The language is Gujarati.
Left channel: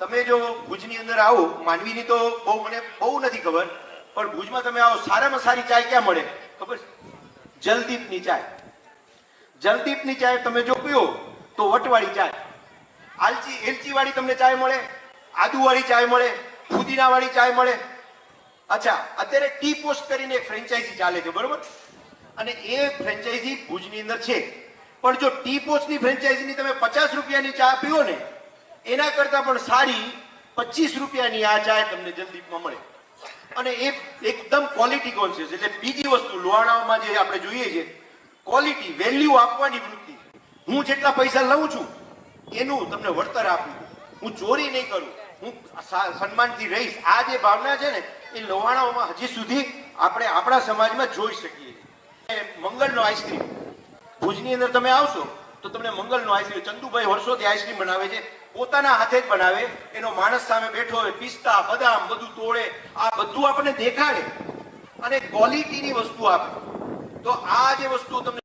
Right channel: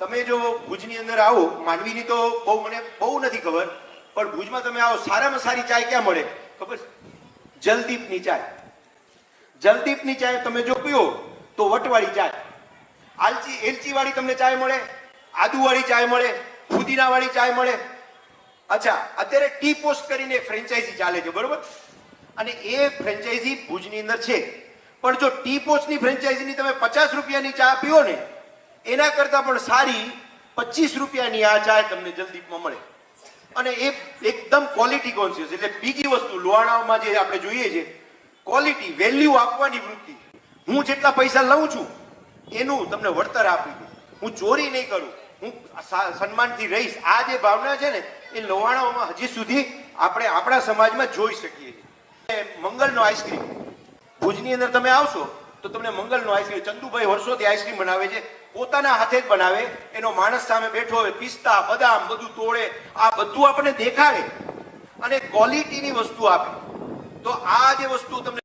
તમે જો ભુજની અંદર આવો, માંડવીની તો મને બહુ નથી ખબર, પણ ભુજમાં તમે આવો, સારામાં સારી ચાય ક્યાં મળે ખબર છે? જલદીપની ચાય. જલદીપની ચાય તમે જો પીઓ તો વટવાળી ચાય, એલચી વાળી તમને ચાય મળે, આદુ વાળી ચાય મળે, ફુદીના વાળી ચાય મળે. અચ્છા, અત્યારે ટી પોસ્ટ કરીને એક ફ્રેન્ચાઇઝી ચાલે છે, બરોબર? અને એ ફ્રેન્ચાઇઝી ભુજની અંદર છે. પણ જો ટી પોસ્ટની ફ્રેન્ચાઇઝીની તમે 50 રૂપિયાની ચા પીઓ ને, એના કરતા પણ સારી 25 રૂપિયાની આ ચાય તમને જલદીપમાં મળે. અને એ એકદમ ક્વોલિટી કોન્શિયસ, એટલે બીજી વસ્તુ લોહાણામાં જે આપણે જોઈએ છે, ક્વોલિટી, વેલ્યુ આપવાની વૃત્તિ. હું જેટલા પૈસા લઉં છું એનું તમને વળતર આપી દઉં, હું ચોરી નહીં કરું, હું સન્માનથી રહીશ. આ જે ભાવના છે ને, એ લોહાણાઓમાં હજી સુધી આપણે આપણા સમાજમાં જોઈ શકીએ છીએ. મંગલનો આઈસ્ક્રીમ, ભુજની અંદર તમે આવશો તો તમને મંગલનો આઈસ્ક્રીમ, ચંદુભાઈ વર્ષોથી આઈસ્ક્રીમ બનાવે છે, પોતાના હાથે જ બનાવે. એનો માણસ સામે બેઠો હોય, પિસ્તા બદામ બધું તોડે, આ બધું આપણને દેખાડે અને ક્વોલિટીની વસ્તુ આપે. તો આ જે વસ્તુ તમને